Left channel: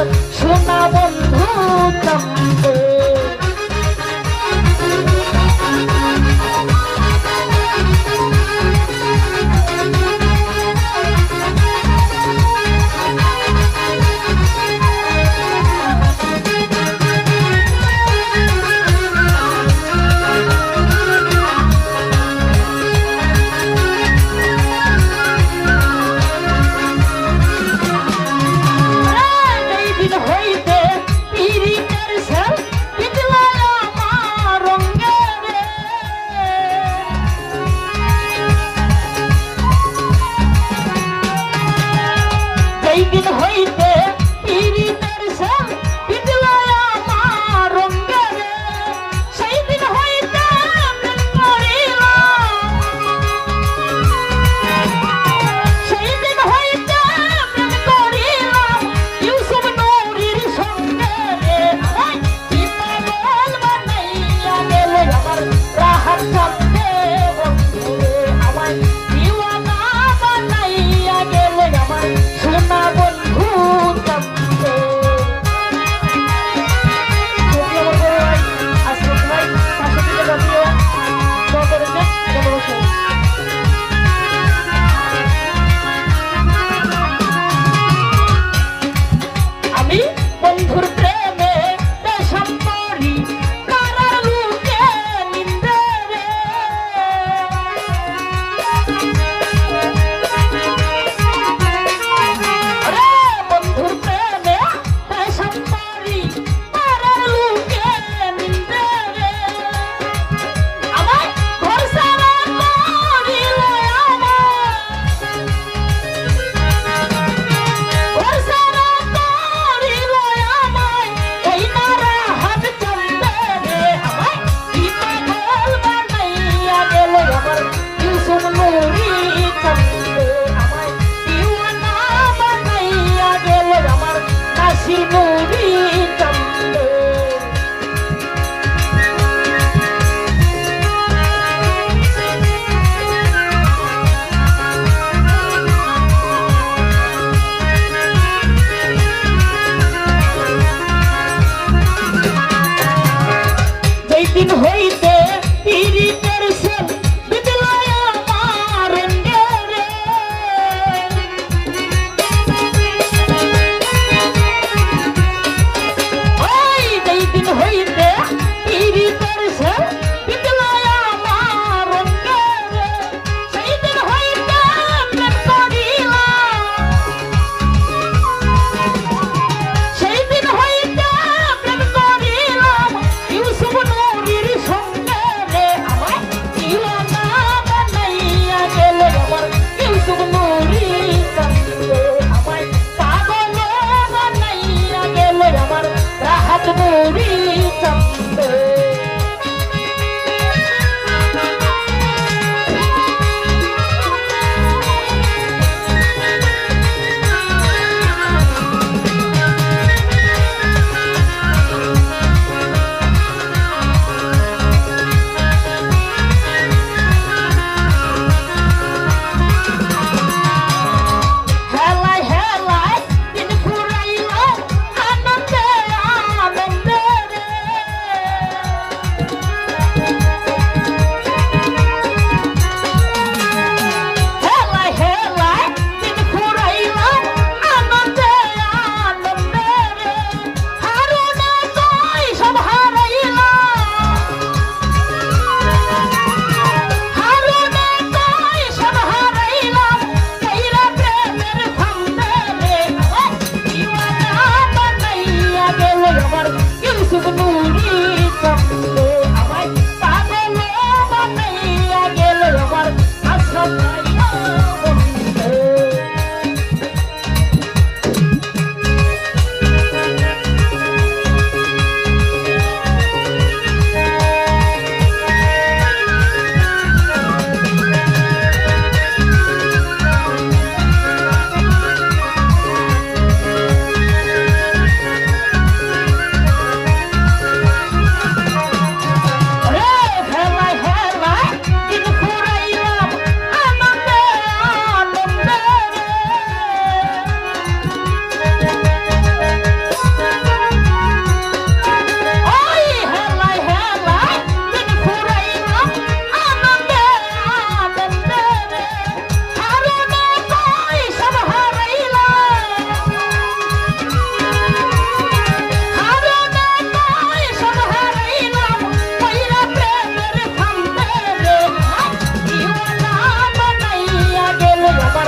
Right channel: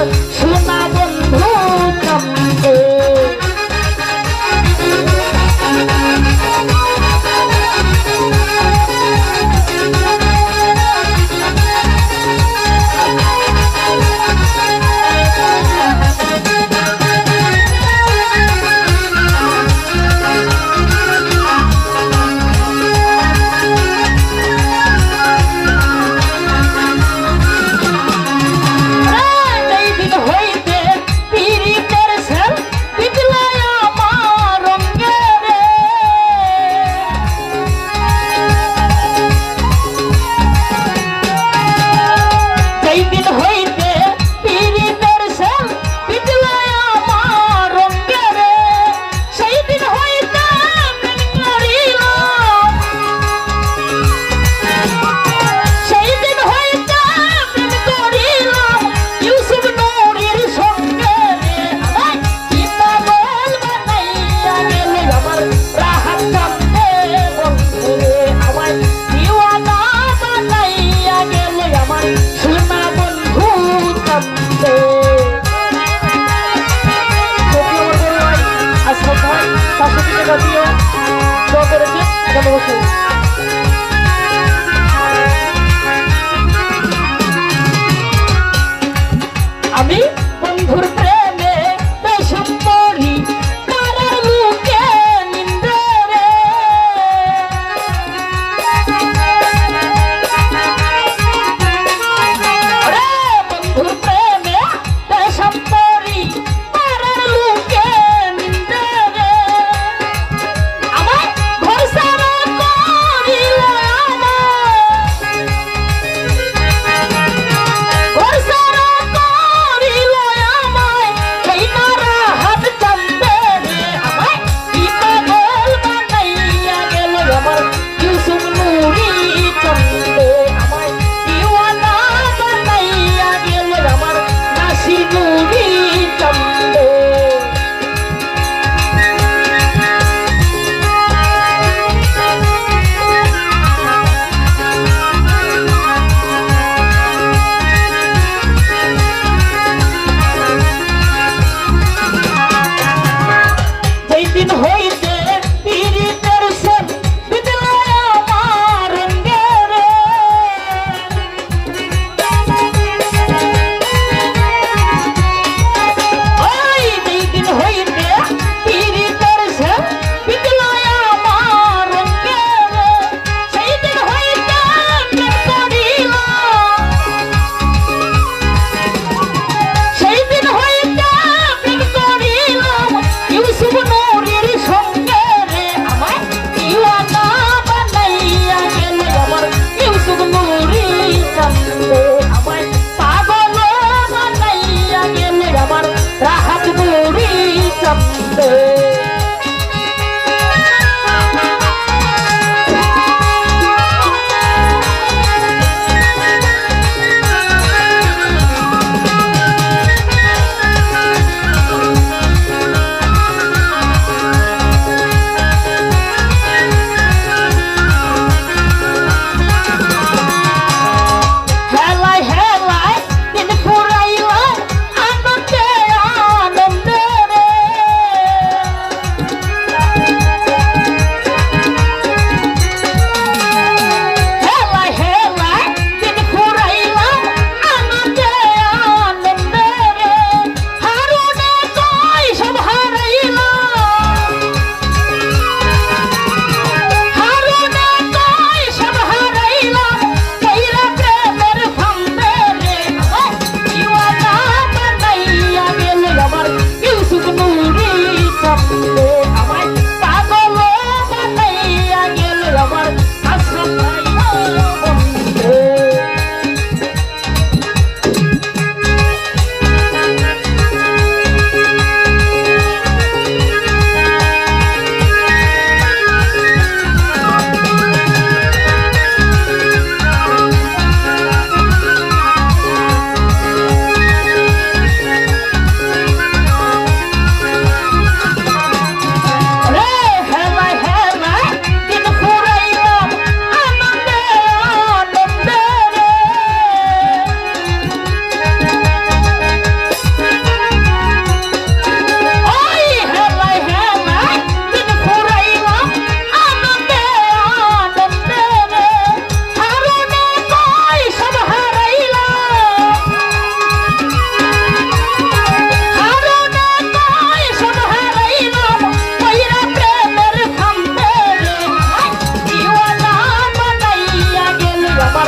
So Para ver, cada uma coisa.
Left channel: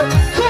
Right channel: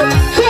Oh.